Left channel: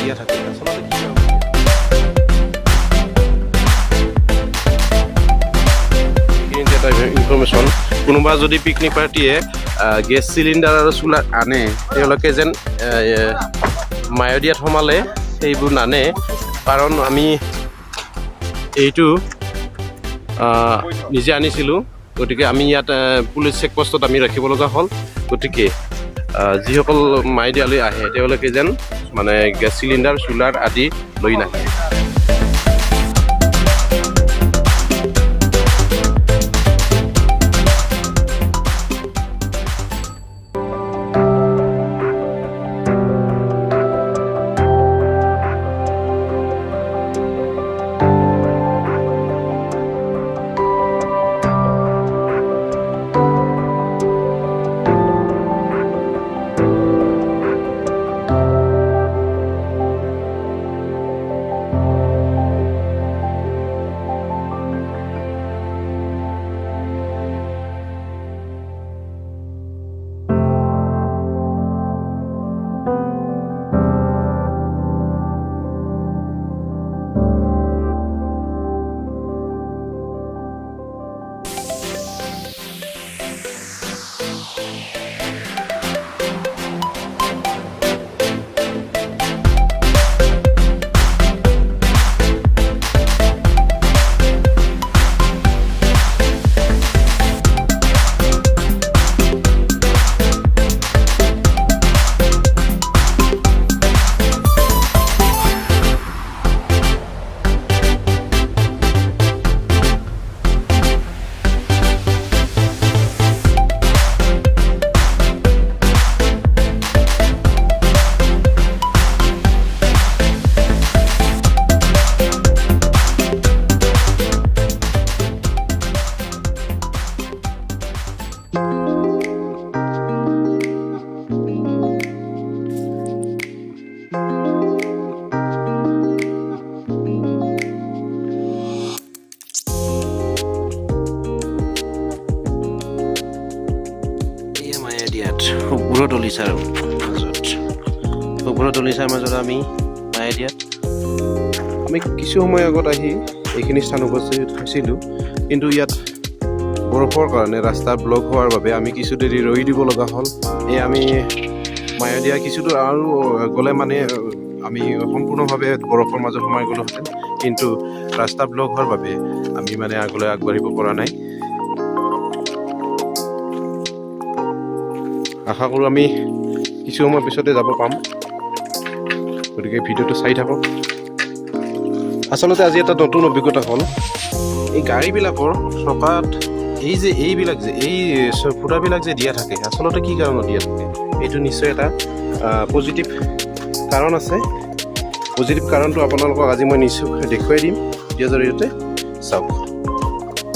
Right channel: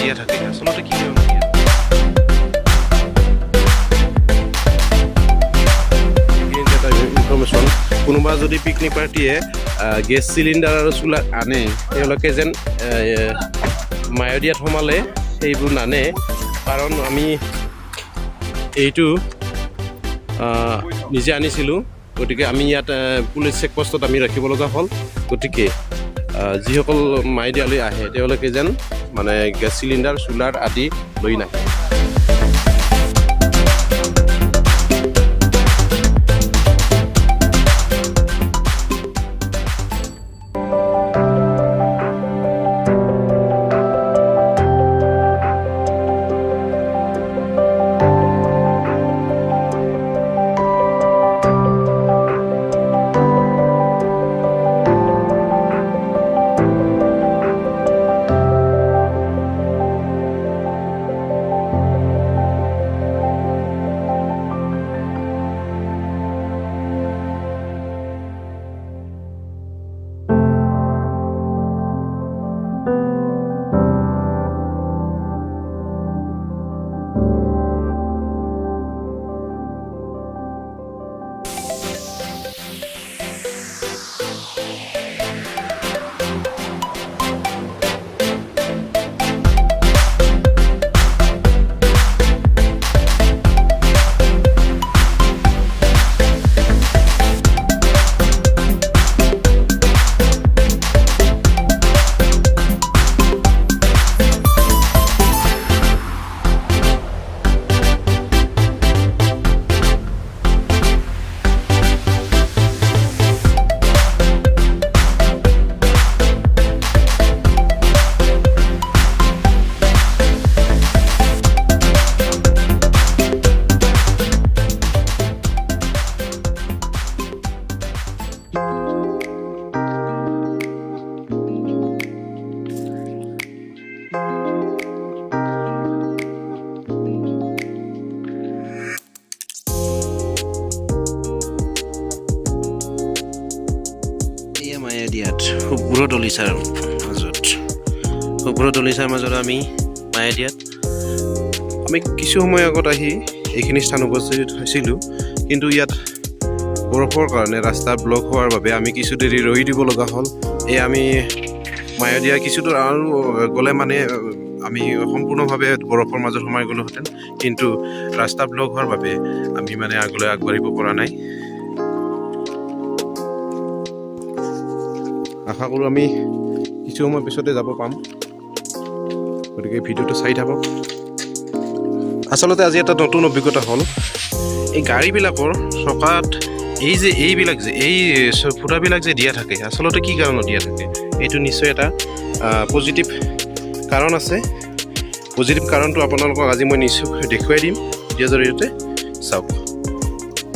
দিয়া থাকে আচলতে কি ইনফৰমেশ্যন কোনোবা যদি পিকনিক পাৰ্টিয়ে গেছ চিলিণ্ডাৰ আৰু চুলা আনে তেওঁলোকে যেন মায়দিয়াত সোমালে সেইবোৰ নানে কাৰণ আমি এইটো নিজে আনিছিলোঁ গতিকে আমি ইয়াত পুলিচ চেকপোষ্টত আমি ৰাখিব লগা হ'ল গতিকে যিসকল মায়দিয়ালৈ আহে তেওঁলোকে যেন মানে গেছ চিলিণ্ডাৰ চুলাৰ আদি লৈ নাহে দলিচাৰ মাজত আমি মায়দিয়াত আমি কিছু সময় আগত আহি এইখিনি স্থান উপস্থিত হৈছিলোঁ কিন্তু ইয়াত বৰফৰ কাৰণে ৰাস্তা ব্লক হোৱাৰ বাবে আমি কিছু দেৰি ৰৈ দিব লগা হ'ল এই আমি মায়দিয়া কিছু দূৰ আৰু গ'লে মানে আমি সম্পূৰ্ণভাৱে বৰফৰ মাজত সোমাই গ'লোহেঁতেন কিন্তু ৰাস্তা ব্লক হোৱাৰ বাবে আমি মানে আগলৈ আগবাঢ়িব পৰা নাই আশা কৰোঁ আমি কিছু সময় পিছতে যাব পাম গতিকে ভিডিঅ'টো চাই থাকক আচলতে আজি এটা নতুন অভিজ্ঞতা হ'ল এই গাড়ীবিলাকৰ চকাত এইবিলাক যে এই ফুটাবিলাক যে দিয়া থাকে আচলতে কি কাৰণত দিয়া থাকে এইটো নিশ্চয় এটা পজিটিভ কাৰণ আছে পজিটিভ কাৰণটো আপোনালোকক আজি মই নিশ্চয় দেখুৱাই দিম ইয়াৰ জৰিয়তে চাওক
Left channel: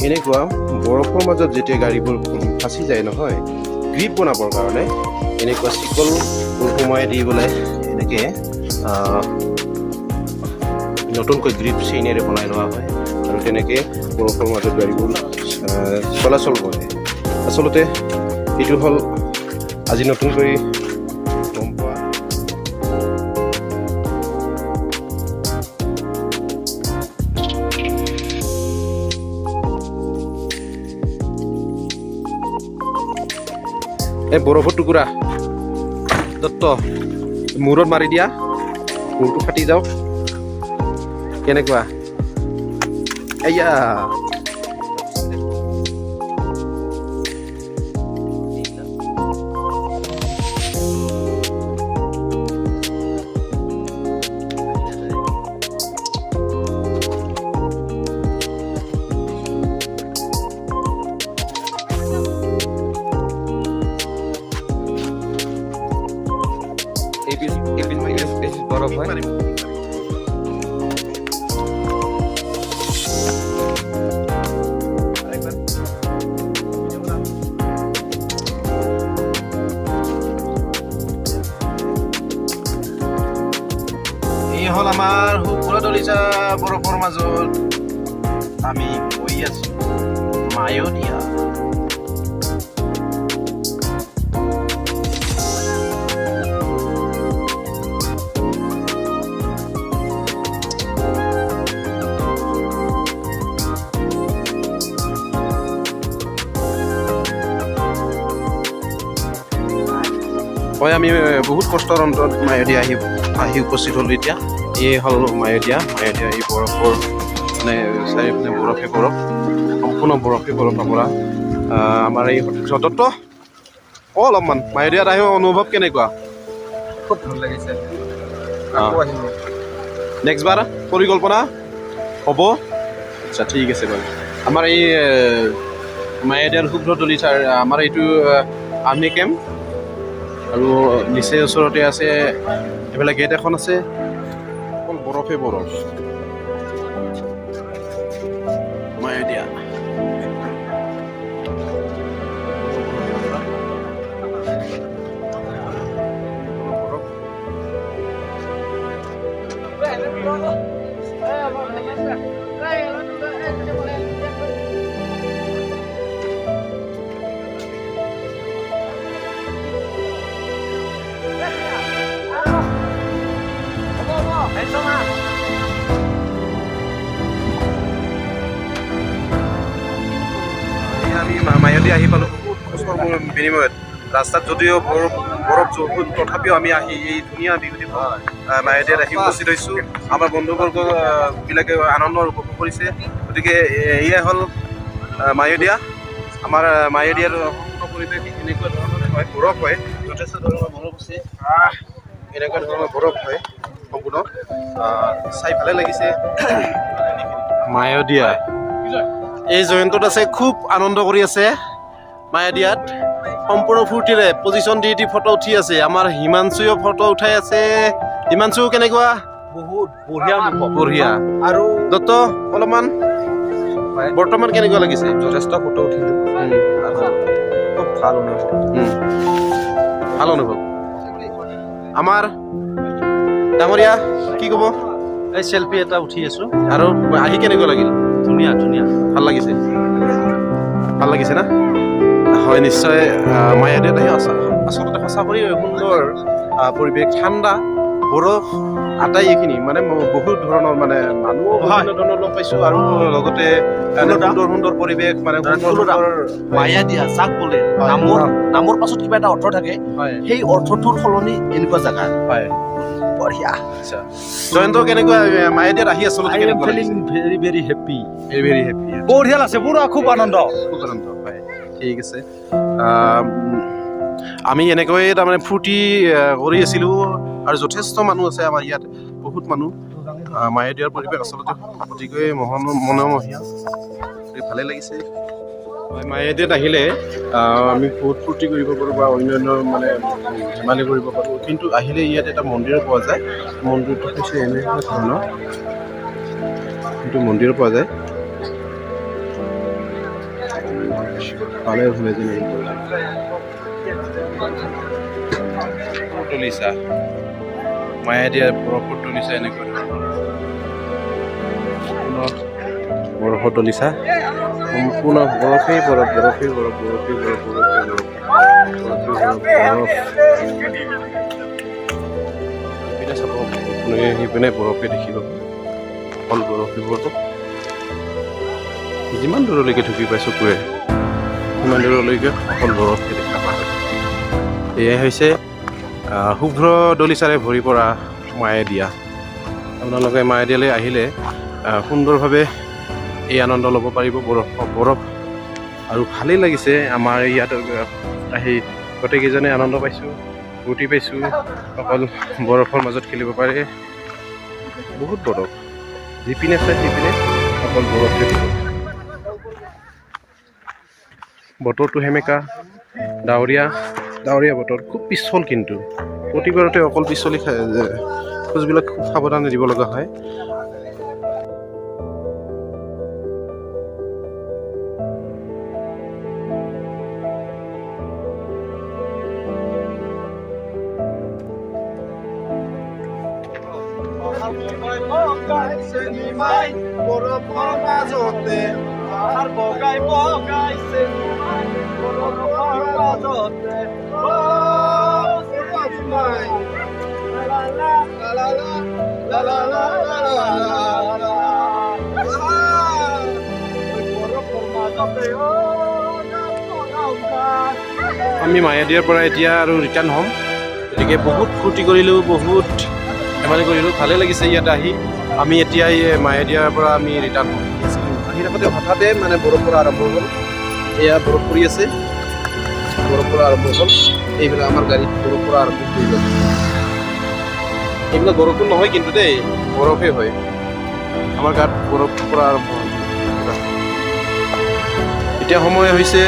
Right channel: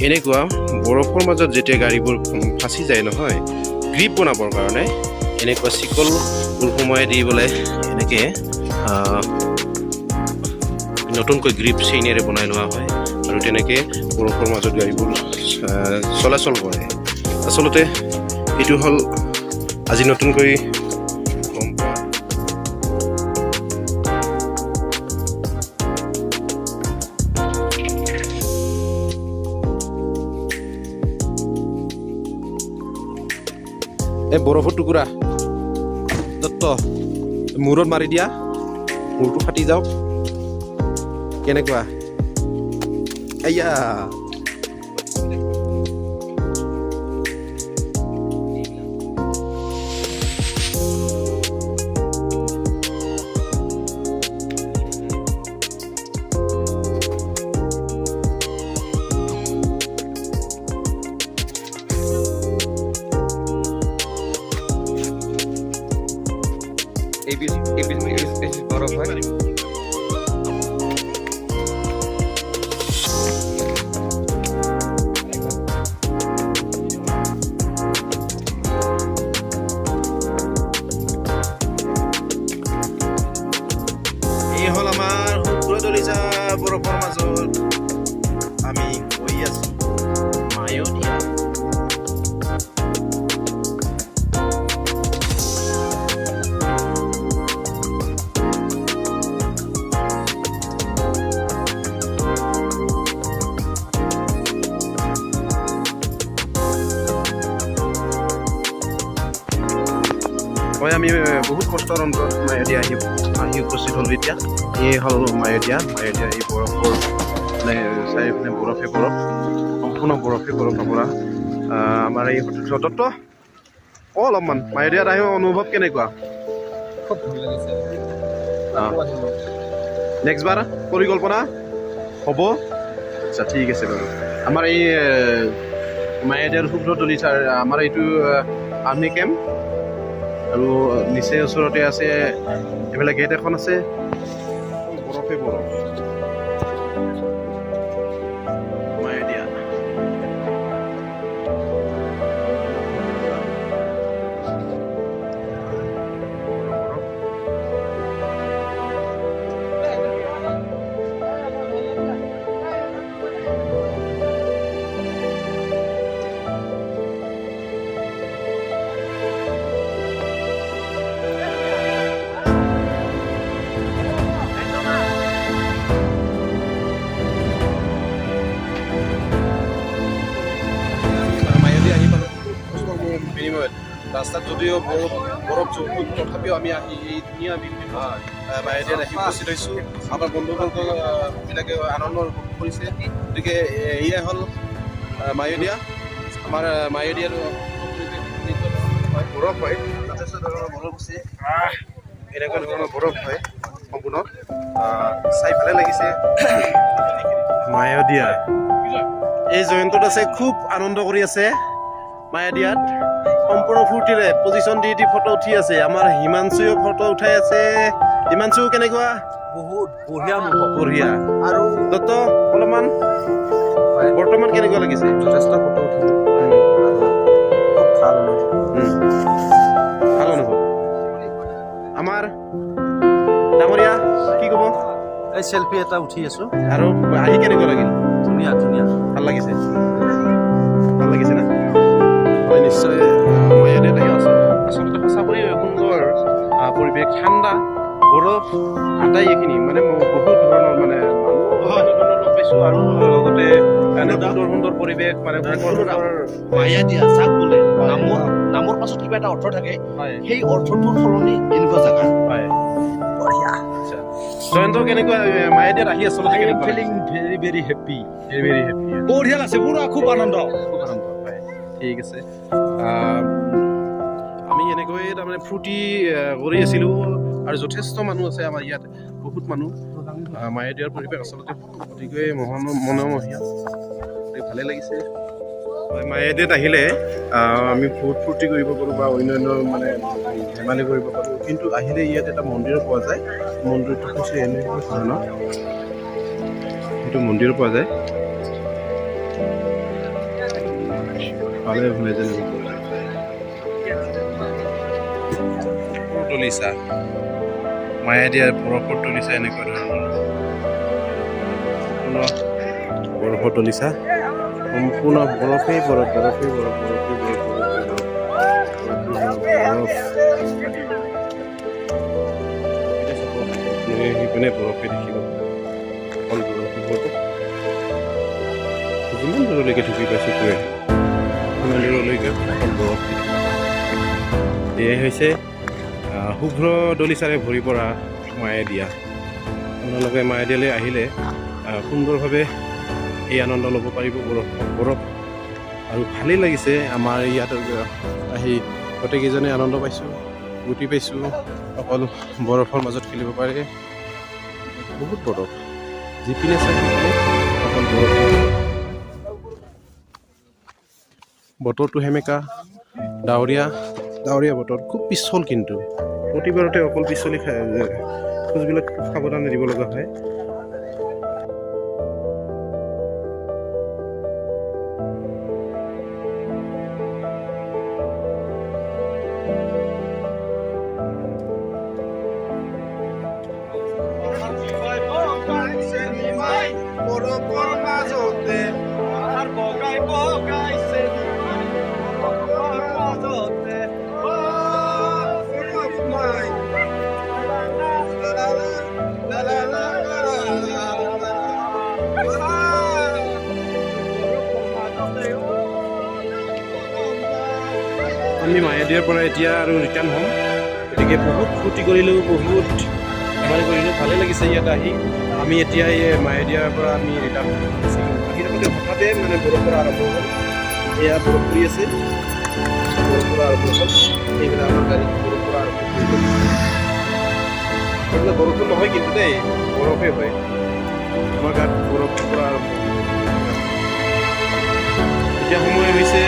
এনেকুৱা বৰফৰ মাজত যেতিয়া গাড়ীবোৰ ফাঁচি যায় নহয় গ্ৰিপ বনাবৰ কাৰণে এনেকুৱা চিকল সোমাই দিবলৈ এনেকৈ নতুনকৈ গ্ৰিপ চেইনেৰে বনাই লোৱা হয় আৰু তেনেকৈ বৰফৰ মাজত গাড়ীবোৰ চলাচল কৰে আচলতে এইটো হ'ল আজি নতুনকৈ এই বৰফৰ টুকুৰা দত্ত মূৰত মাৰি দিয়া মূৰটো ফাটি যাওক কেনেকুৱা এয়া হয় আমি বহুত কষ্টৰ অন্তত মায়'দিয়া আহি উপস্থিত হ'লোঁ এতিয়া এই হ'ল মায়'দিয়া এই বৰফৰ মানে চাৰিওপিনে বৰফে বৰফ সম্পূৰ্ণ বৰফে বৰফ নপৰা আমাৰ এই যতত অলপমান মায়'দিয়াত আহিব অনুভৱ কেনেকুৱা খুব ভাল লাগিছে নেক্সট বাৰ পৰিকল্পনা হ'ব আচ্ছা ঠিক আছে বাৰু আমাৰ এই মায়'দিয়াৰ শুভ্ৰতলী আমাৰ এইটো আৰ্মি কেম্প আৰু নিচেই ওচৰতে আছে এইফালে গেট এখন আছে বৰফে বৰফ মায়'দিয়া বিনিময়ত ৰাস্তাত যদিও বৰফ তথাপিও আমি আহি এই ধুনীয়া মায়'দিয়াত আহি উপস্থিত হৈছোঁ আমাৰ বন্ধুবৰ্গবিলাকে আনন্দ উপভোগ কৰিছে গতিকে এয়াই হ'ল মায়'দিয়া আমাৰ মায়'দিয়াৰ পৰিৱেশ এনেকুৱা ধৰণৰ হয় বৰফ হয় যথেষ্ট ধৰণৰ বৰফ আছে এনেকুৱা ধৰণৰ বৰফ হয় সম্পূৰ্ণ চাই ভালে লাগিছে মায়'দিয়া এই জয়ন্তত আছে খুব আনন্দ কৰি আছে মায়'দিয়াত সম্পূৰ্ণ ফূৰ্তিৰে পজিশ্যন দি ফটো উঠি আছে আমাৰ হিমাংশুও ফটো উঠাই আছে হিমাংশু কেনেকুৱা বহুত বঢ়িয়া বঢ়িয়া আৰু দত্ত অলপমান বৰ্তমান কেনেকুৱা লাগিছে যথেষ্ট ফটো উঠিলোঁ খুব ভাল অনুভৱ আমাৰ ডাঙৰীয়া কি ক'ব এই চেলফি এটা উঠি আছোঁ আৰু আহি কেনেকুৱা লাগিল ধুনীয়া ভাল লাগিছে না হয় নিশ্চয় মায়'দিয়াত আচলতে সঁচাকৈ সুন্দৰ পৰিৱেশ ঠাণ্ডা বৰফ আটাই এইখিনি মানে বহুত ধৰণৰ মানে মানুহ বিভিন্ন ধৰণৰ লগ পাইছোঁ আৰু লগতে সুন্দৰ পৰিৱেশ মানে মায়'দিয়া যাক বোলে নামৰ পাছত কিবা এটা অৰ্থ থাকে সেই অৰ্থটোৰ সলনি এনেকুৱা জেগা বঢ়িয়া জয়ন্ত কেনেকুৱা মায়'দিয়াত আহি আচলতে ভেৰি ভেৰি হেপী বঢ়িয়া আছে পুৰা খুব আনন্দ ঠিক আছে আমি এনেকৈ তাৰমানে ফূৰ্তি কৰি আছিলোঁ আৰু যথেষ্ট মানুহ আছে আমাৰ ইয়াত বহুত মানুহ মায়'দিয়াৰ পৰিৱেশ আচলতে অতিকৈ মনোমোহা ভালেই লাগিছে মায়'দিয়াত আহিলে আমি বহুত ফূৰ্তি কৰিব পাৰোঁ বা অন্যান্য মানে ধেমালি কৰিব পাৰোঁ কিন্তু আহিলে ইয়াত এটা মন্দিৰো পোৱা যায় মন্দিৰটো হৈছে এনেকুৱা ধৰণৰ সেইটো মন্দিৰো পোৱা যায় ভালে শুনে যেনে তুলিছা মায়'দিয়াৰ বৰফত তুলিছা এনেকুৱা ধৰণৰ বৰফত তুলিছা সম্পূৰ্ণ বৰফেই বৰফ সেইপিনে বৰফে দেখিব অকল বৰফে বৰফ যিমান দূৰলৈকে ঢুকি পাইছোঁ কৈ সিমান দূৰলৈকে অকল বৰফ এয়াই হৈছে শুভ্ৰ দলিচাৰে ভৰি পৰা মায়'দিয়া আপোনালোকে মায়'দিয়ালৈ আহিলে সুন্দৰভাৱে এই আনন্দ ল'ব পাৰিব বৰফ আৰু ভালেই লাগিছে আমাৰ ইয়াত আহি গোটেইকেইজনে আনন্দ পাইছোঁ ফূৰ্তি পাইছোঁ অকল বৰফৰ মাজত খেলিব পাৰে বহুত বৰফ যিপিনে চাই সেইপিনে অকল বৰফে বতৰটো সেমেকা ডাৱৰীয়া বতৰ খুব পিছল কিন্তু প্ৰতিবাৰতে অকল পিছলি খোজবিলাক খুব সাৱধানে দিব লগা হয় আমি মায়'দিয়াৰ পৰা এতিয়া আৰু ৰিটাৰ্ণ হ'ম গতিকে বহুত ফূৰ্তি কৰিলোঁ, বহুত ধেমালি কৰিলোঁ, ভালেই লাগিছে ইয়াত আহি। আমি এতিয়া এই মায়দিয়াৰ পৰা আমি ৰিটাৰ্ণ আহি থাকোঁতে হঠাতে মানে বৰষুণ আৰম্ভ হ'ল। এয়া বৰফ পৰি আছে, বৰফ আৰম্ভ হ'ল। এইবিলাক আমাৰ গাড়ীত বৰফ আৰম্ভ হৈ গ'ল। এইবিলাক বৰষুণ নহয় কিন্তু দেই, বৰফে হয়। আমাৰ গাত বৰফ পৰা আৰম্ভ হ'ল। এতিয়া সময় হৈছে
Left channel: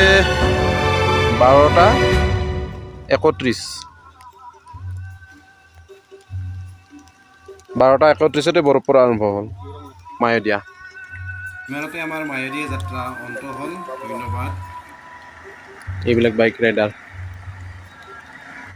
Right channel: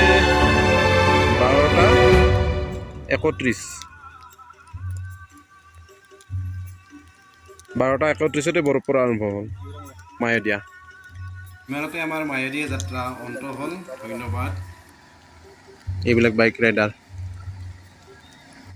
12:31। 12:31 বৰফ পৰা আৰম্ভ হ'ল মায়দিয়া। ইমানতে আমাৰ মায়দিয়া যাত্ৰা অন্ত হ'ল। ধন্যবাদ এইবিলাক বাইক ৰাইডাৰ।